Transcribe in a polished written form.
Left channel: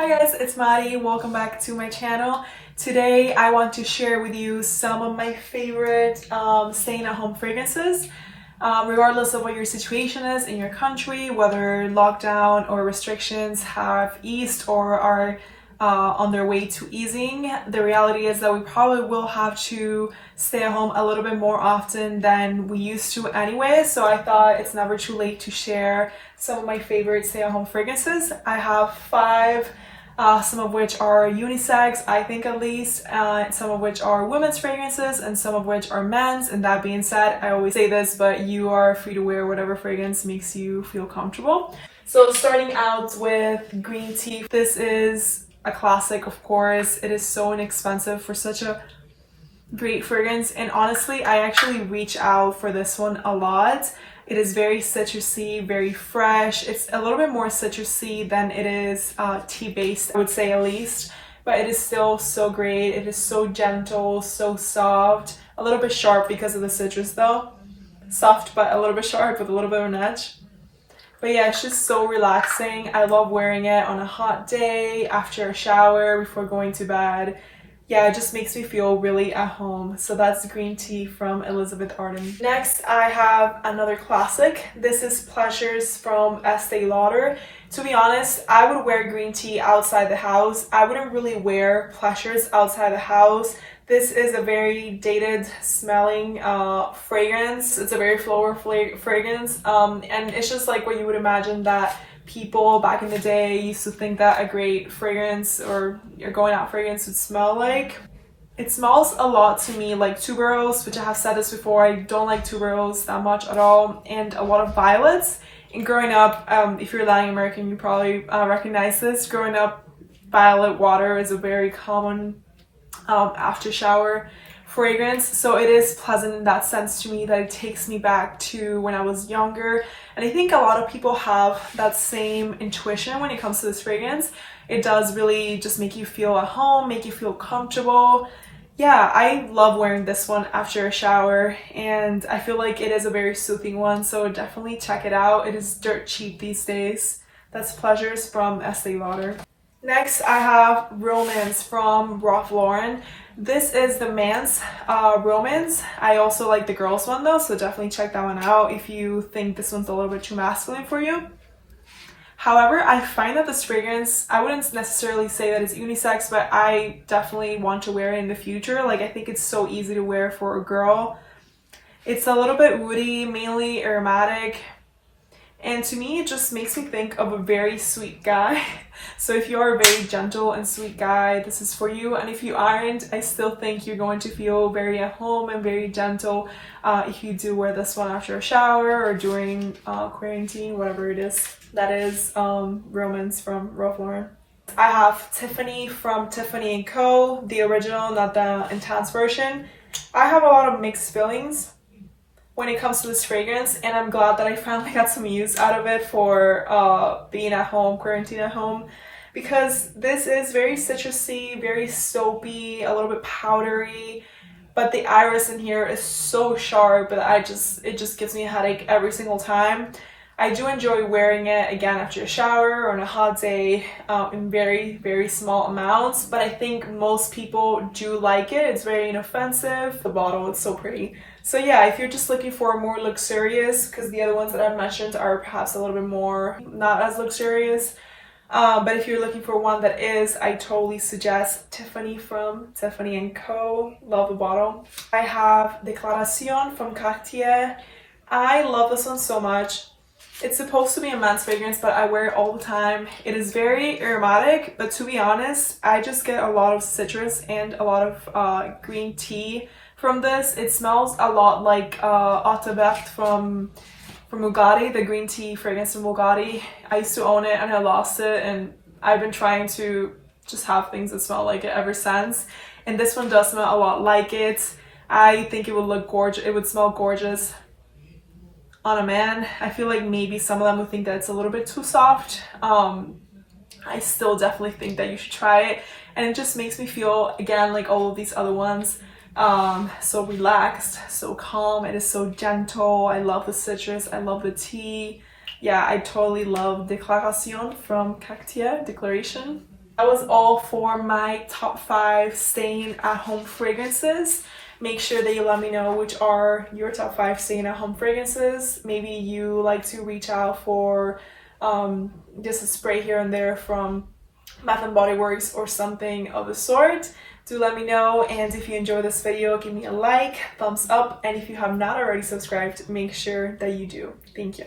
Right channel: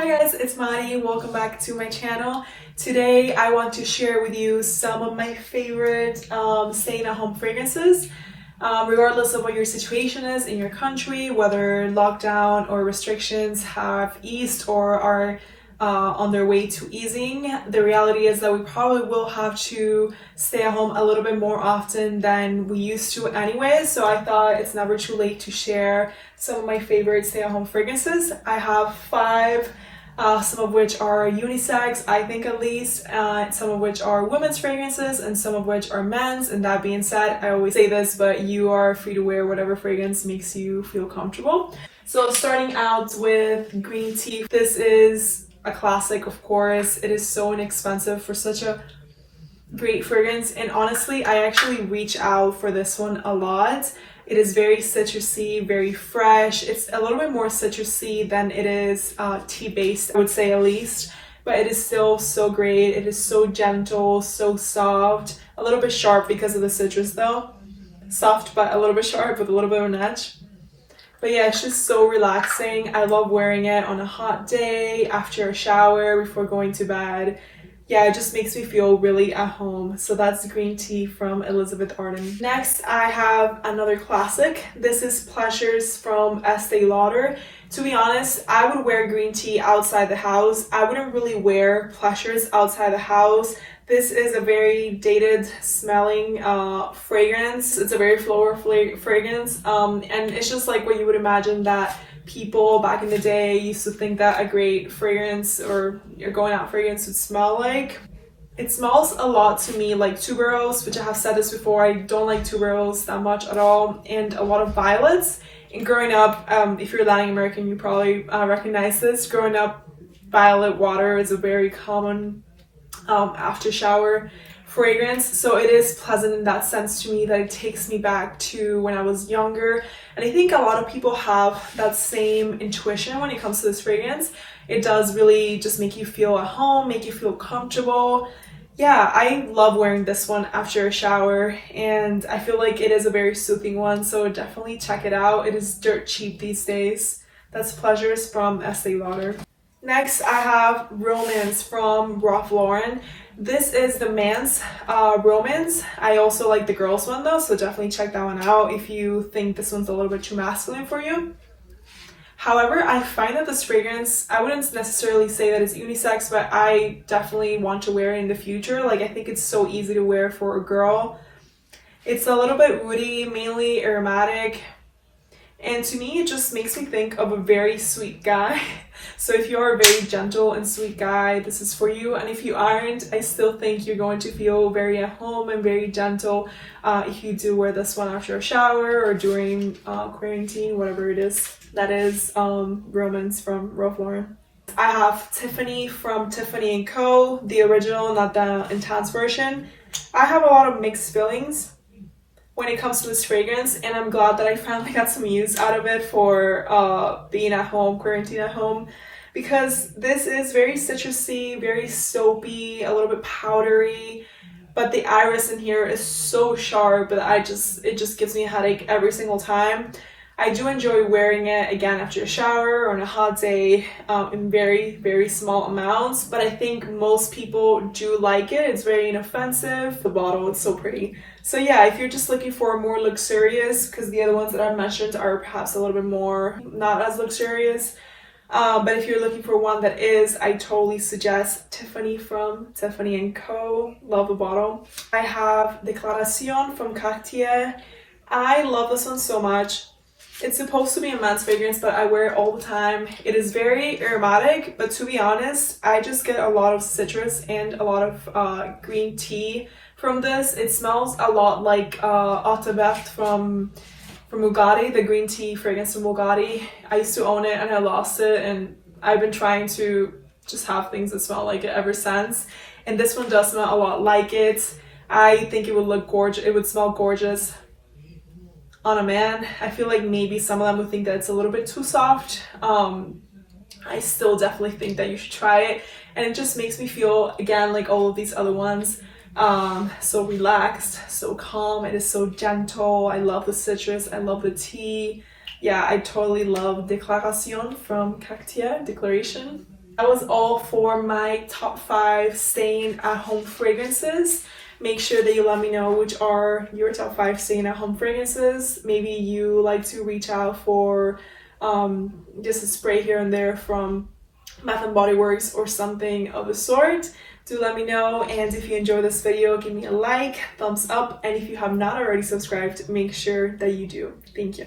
Hi guys, it's Maddie. Welcome back to my channel. Today I want to share with you some of my favorite staying at home fragrances. Regardless of what your situation is in your country, whether lockdown or restrictions have eased or are on their way to easing, the reality is that we probably will have to stay at home a little bit more often than we used to anyway. So I thought it's never too late to share some of my favorite stay at home fragrances. I have 5, some of which are unisex, I think at least, some of which are women's fragrances and some of which are men's. And that being said, I always say this, but you are free to wear whatever fragrance makes you feel comfortable. So starting out with green tea, this is a classic, of course. It is so inexpensive for such a great fragrance, and honestly I actually reach out for this one a lot. It is very citrusy, very fresh. It's a little bit more citrusy than it is tea based, I would say, at least, but it is still so great. It is so gentle, so soft, a little bit sharp because of the citrus though. Soft but a little bit sharp with a little bit of an edge. But yeah, it's just so relaxing. I love wearing it on a hot day, after a shower, before going to bed. Yeah, it just makes me feel really at home. So that's green tea from Elizabeth Arden. Next, I have another classic. This is Pleasures from Estee Lauder. To be honest, I would wear green tea outside the house. I wouldn't really wear Pleasures outside the house. This is a very dated smelling fragrance. It's a very floral fragrance, and it's just like what you would imagine that people back in the day used to think that a great fragrance or your going out fragrance would smell like. It smells a lot to me like tuberose, which I have said this before. I don't like tuberose that much at all, and a lot of violets. And growing up, if you're Latin American, you probably recognize this. Growing up, violet water is a very common after shower fragrance, so it is pleasant in that sense to me, that it takes me back to when I was younger. And I think a lot of people have that same intuition when it comes to this fragrance. It does really just make you feel at home, make you feel comfortable. Yeah, I love wearing this one after a shower, and I feel like it is a very soothing one, so definitely check it out. It is dirt cheap these days. That's Pleasures from Estee Lauder. Next, I have Romance from Ralph Lauren. This is the man's Romance. I also like the girls one though, so definitely check that one out if you think this one's a little bit too masculine for you. However, I find that this fragrance, I wouldn't necessarily say that it's unisex, but I definitely want to wear it in the future. Like, I think it's so easy to wear for a girl. It's a little bit woody, mainly aromatic. And to me, it just makes me think of a very sweet guy. So if you're a very gentle and sweet guy, this is for you. And if you aren't, I still think you're going to feel very at home and very gentle if you do wear this one after a shower or during quarantine, whatever it is. That is Romance from Ralph Lauren. I have Tiffany from Tiffany Co, the original, not the intense version. I have a lot of mixed feelings when it comes to this fragrance, and I'm glad that I finally got some use out of it for being at home, quarantine at home, because this is very citrusy, very soapy, a little bit powdery, but the iris in here is so sharp that it just gives me a headache every single time. I do enjoy wearing it again after a shower or on a hot day in very, very small amounts, but I think most people do like it. It's very inoffensive. The bottle is so pretty. So yeah, if you're just looking for a more luxurious, because the other ones that I've mentioned are perhaps a little bit more not as luxurious, but if you're looking for one that is, I totally suggest Tiffany from Tiffany and Co. Love the bottle. I have Declaration from Katya. I love this one so much. It's supposed to be a men's fragrance, but I wear it all the time. It is very aromatic, but to be honest, I just get a lot of citrus and a lot of green tea from this. It smells a lot like Eau de Verte from Bugatti, the green tea fragrance from Bugatti. I used to own it and I lost it, and I've been trying to just have things that smell like it ever since. And this one does smell a lot like it. I think it would look gorgeous. It would smell gorgeous on a man. I feel like maybe some of them would think that it's a little bit too soft. I still definitely think that you should try it, and it just makes me feel, again, like all of these other ones, so relaxed, so calm. It is so gentle. I love the citrus, I love the tea. Yeah, I totally love Declaration from Cartier Declaration. That was all for my top 5 staying at home fragrances. Make sure that you let me know which are your top 5 staying at home fragrances. Maybe you like to reach out for just a spray here and there from Bath & Body Works or something of the sort. Do let me know, and if you enjoyed this video, give me a like, thumbs up, and if you have not already subscribed, make sure that you do. Thank you.